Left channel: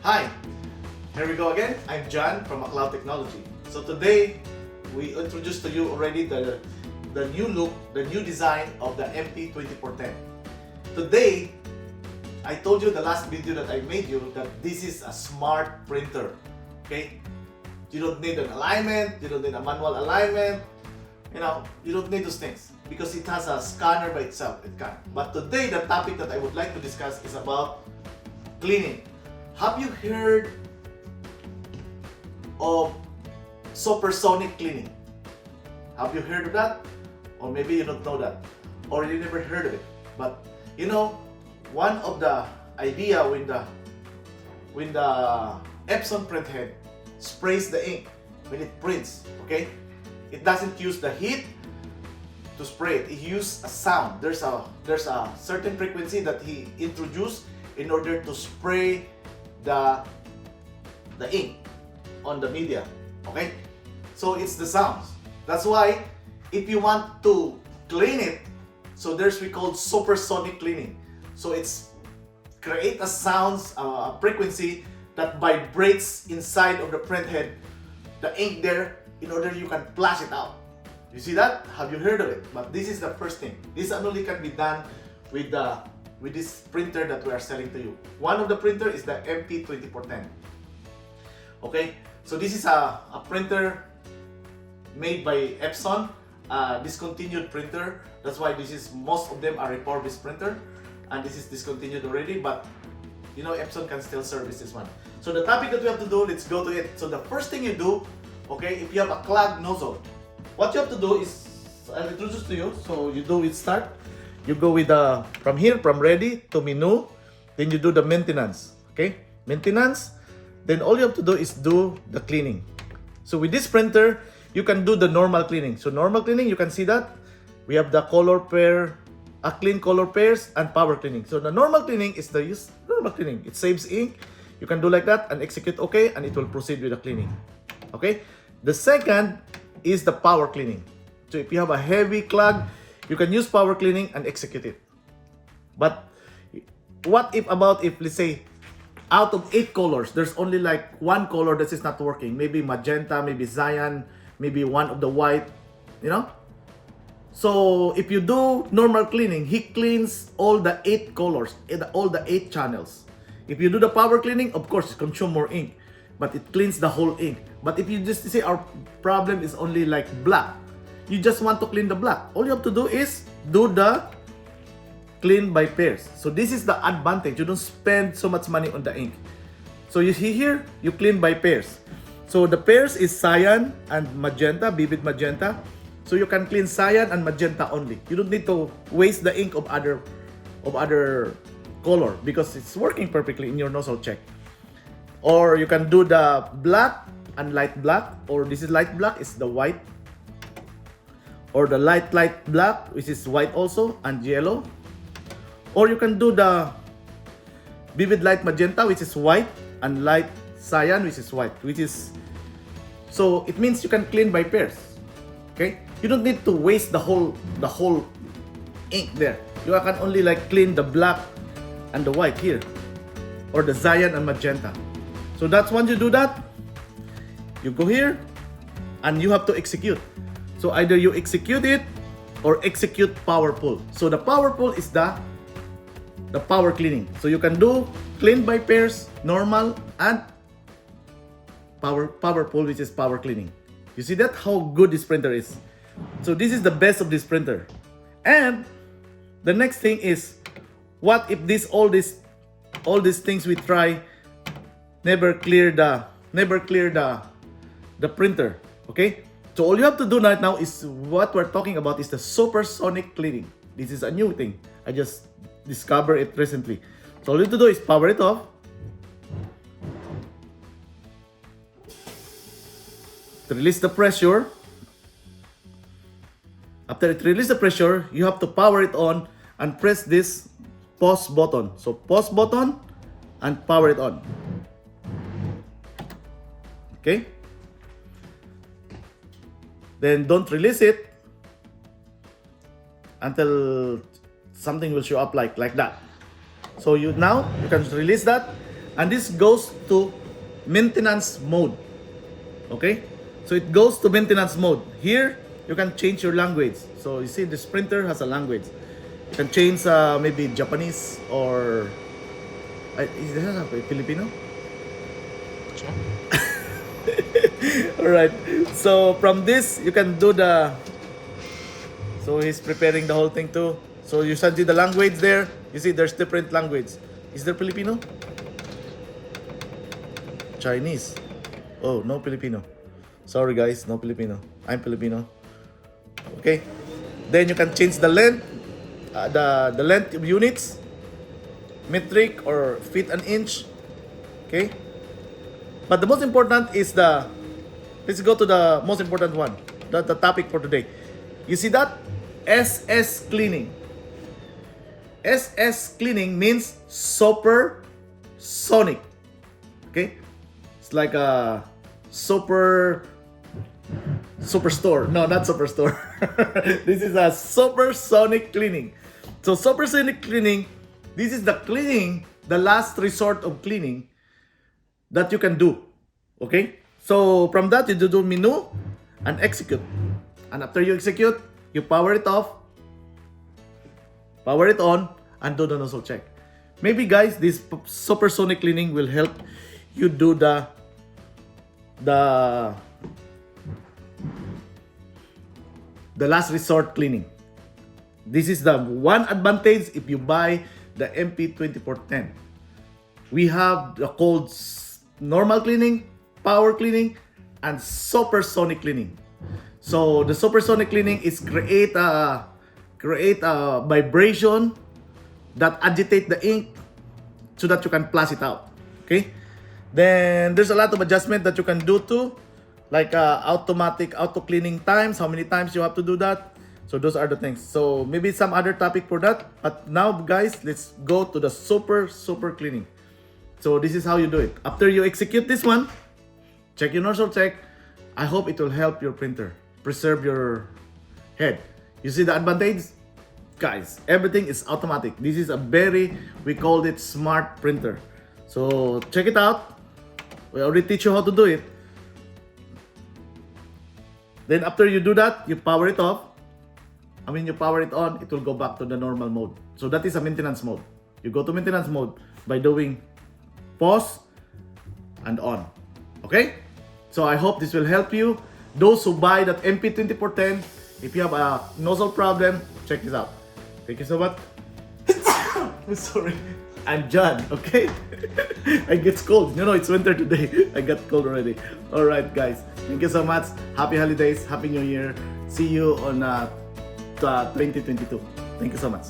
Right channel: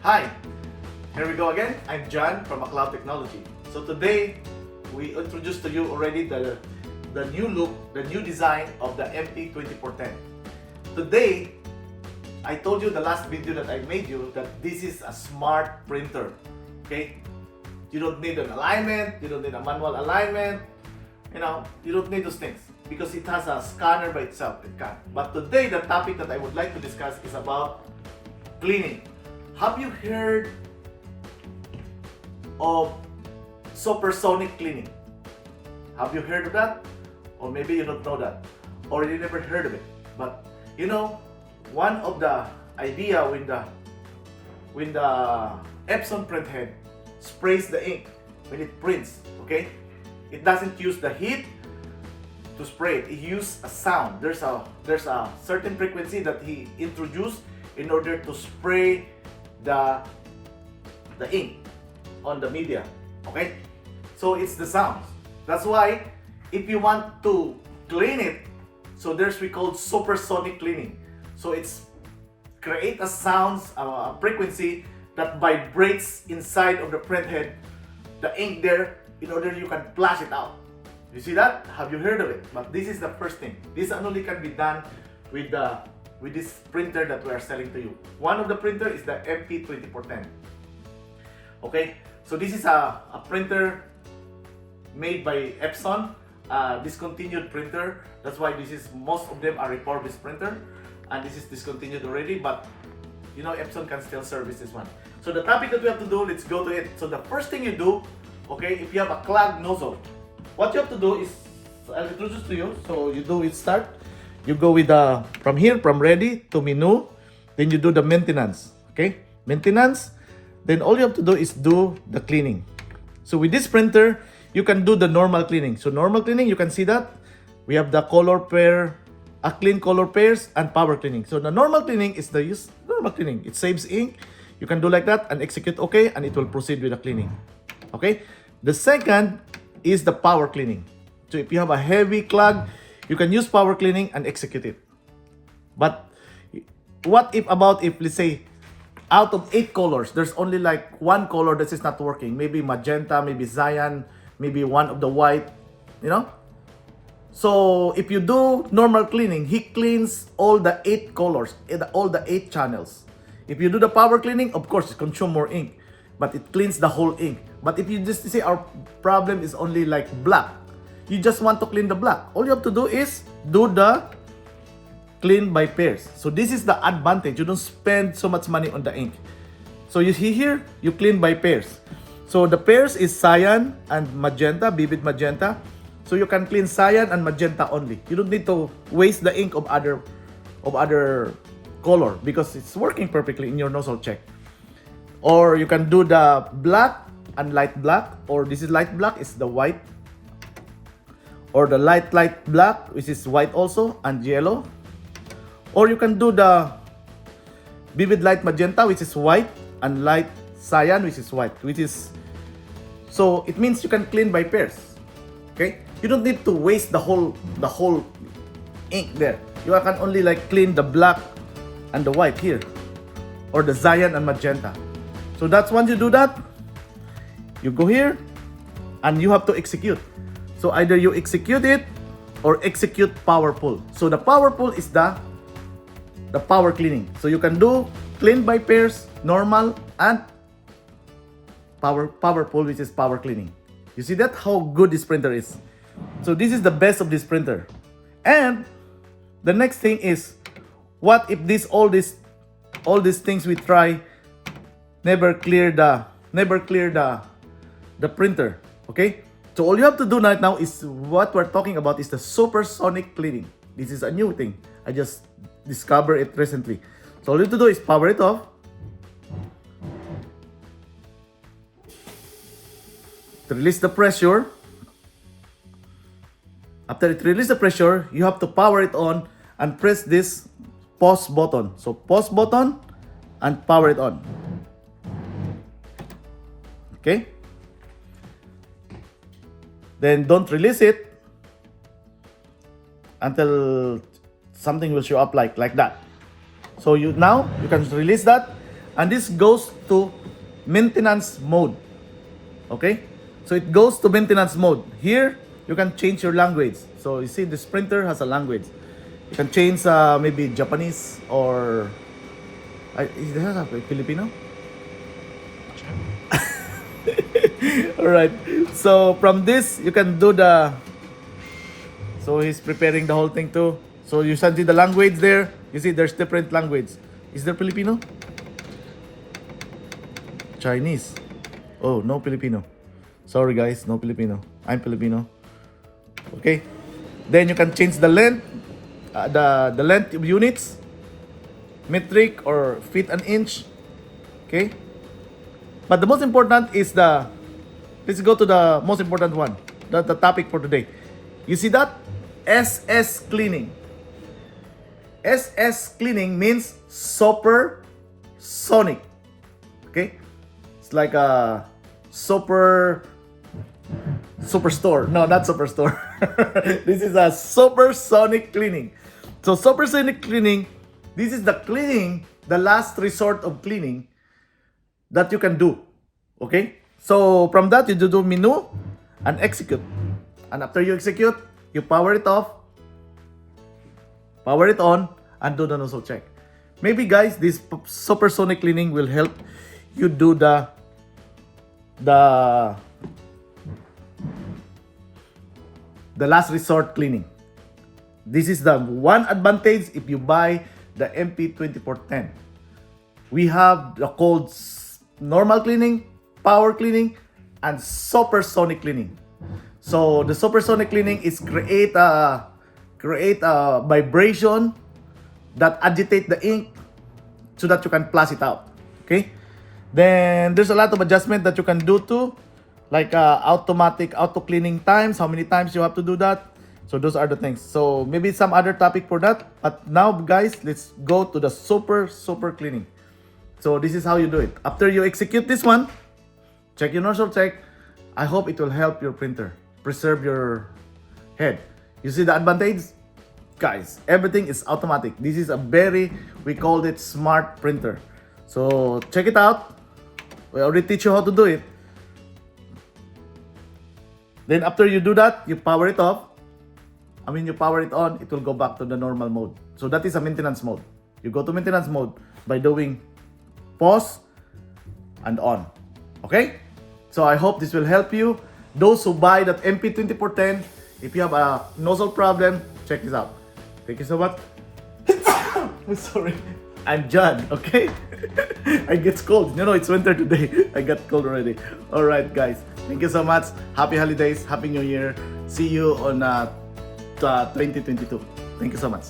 Hi, here we go again. I'm John from McLaud Technology. So today, we introduced to you already the new look, the new design of the MP2410. Today, I told you the last video that I made you that this is a smart printer. Okay? You don't need an alignment, you don't need a manual alignment, you don't need those things because it has a scanner by itself. It can. But today, the topic that I would like to discuss is about cleaning. Have you heard of Supersonic Cleaning? Have you heard of that? Or maybe you don't know that, or you never heard of it. But one of the idea when the Epson print head sprays the ink when it prints, okay, it doesn't use the heat to spray it. It uses a sound. There's a certain frequency that he introduced in order to spray the ink on the media. Okay, so it's the sounds. That's why if you want to clean it, so we call supersonic cleaning. So it's create a sounds, a frequency that vibrates inside of the print head, the ink there, in order you can flash it out. You see that? Have you heard of it? But this is the first thing. This only can be done with this printer that we are selling to you. One of the printer is the MP2410. Okay, so this is a printer made by Epson, discontinued printer. That's why most of them are refurbished printer, and this is discontinued already. But Epson can still service this one. So the topic that we have to do, let's go to it. So the first thing you do, okay, if you have a clogged nozzle, what you have to do is, I'll introduce to you. So you do it start. You go with from ready to menu, then you do the maintenance. Okay, maintenance. Then all you have to do is do the cleaning. So with this printer, you can do the normal cleaning. So normal cleaning, you can see that we have the color pair, clean color pairs, and power cleaning. So the normal cleaning is the normal cleaning. It saves ink. You can do like that and execute OK, and it will proceed with the cleaning. Okay. The second is the power cleaning. So if you have a heavy clog, you can use power cleaning and execute it. But what if let's say out of 8 colors, there's only like one color that is not working? Maybe magenta, maybe cyan, maybe one of the white, So if you do normal cleaning, he cleans all the 8 colors, all the 8 channels. If you do the power cleaning, of course, it consumes more ink, but it cleans the whole ink. But if you just say our problem is only like black, you just want to clean the black, all you have to do is do the clean by pairs. So this is the advantage. You don't spend so much money on the ink. So you see here, you clean by pairs. So the pairs is cyan and magenta, vivid magenta. So you can clean cyan and magenta only. You don't need to waste the ink of other color because it's working perfectly in your nozzle check. Or you can do the black and light black, or this is light black, is the white. Or the light black, which is white also, and yellow. Or you can do the vivid light magenta, which is white, and light cyan, which is white, so it means you can clean by pairs. Okay, you don't need to waste the whole ink there. You can only like clean the black and the white here, or the cyan and magenta. So that's once you do that, you go here and you have to execute. So either you execute it or execute power pull. So the power pull is the power cleaning. So you can do clean by pairs, normal, and power pull, which is power cleaning. You see that how good this printer is. So this is the best of this printer. And the next thing is, what if all these things we try never clear the printer? Okay, so all you have to do right now is what we're talking about is the supersonic cleaning. This is a new thing. I just discovered it recently. So all you have to do is power it off. Release the pressure. After it releases the pressure, you have to power it on and press this pause button. So pause button and power it on. Okay? Then don't release it until something will show up like that. So now you can release that and this goes to maintenance mode. Okay, so it goes to maintenance mode. Here you can change your language. So you see this printer has a language. You can change maybe Japanese or is there a Filipino? Alright, so from this you can do the, so he's preparing the whole thing too. So you see the language there. You see there's different language. Is there Filipino? Chinese. Oh, no Filipino. Sorry guys, no Filipino. I'm Filipino. Okay. Then you can change the length, the length of units, metric or feet and inch. Okay. But the most important is let's go to the most important one, the topic for today. You see that? SS cleaning. SS cleaning means supersonic. Okay? It's like a superstore. No, not superstore. This is a supersonic cleaning. So supersonic cleaning, this is the cleaning, the last resort of cleaning that you can do. Okay? So from that you do menu and execute. And after you execute, you power it off, power it on, and do the nozzle check. Maybe guys, this supersonic cleaning will help you do the last resort cleaning. This is the one advantage if you buy the MP2410. We have the called normal cleaning, power cleaning, and supersonic cleaning. So the supersonic cleaning is create a vibration that agitate the ink so that you can flush it out. Okay. Then there's a lot of adjustment that you can do too, like automatic auto cleaning times, how many times you have to do that. So those are the things. So maybe some other topic for that. But now guys, let's go to the super cleaning. So this is how you do it. After you execute this one, check your nozzle check. I hope it will help your printer preserve your head. You see the advantage? Guys, everything is automatic. This is a we called it smart printer. So check it out. We already teach you how to do it. Then after you do that, you power it off. You power it on, it will go back to the normal mode. So that is a maintenance mode. You go to maintenance mode by doing pause and on. Okay? So I hope this will help you. Those who buy that MP2410, if you have a nozzle problem, check this out. Thank you so much. I'm sorry. I'm John, okay? I get cold. You know, it's winter today. I got cold already. Alright guys, thank you so much. Happy holidays, Happy New Year. See you on 2022. Thank you so much.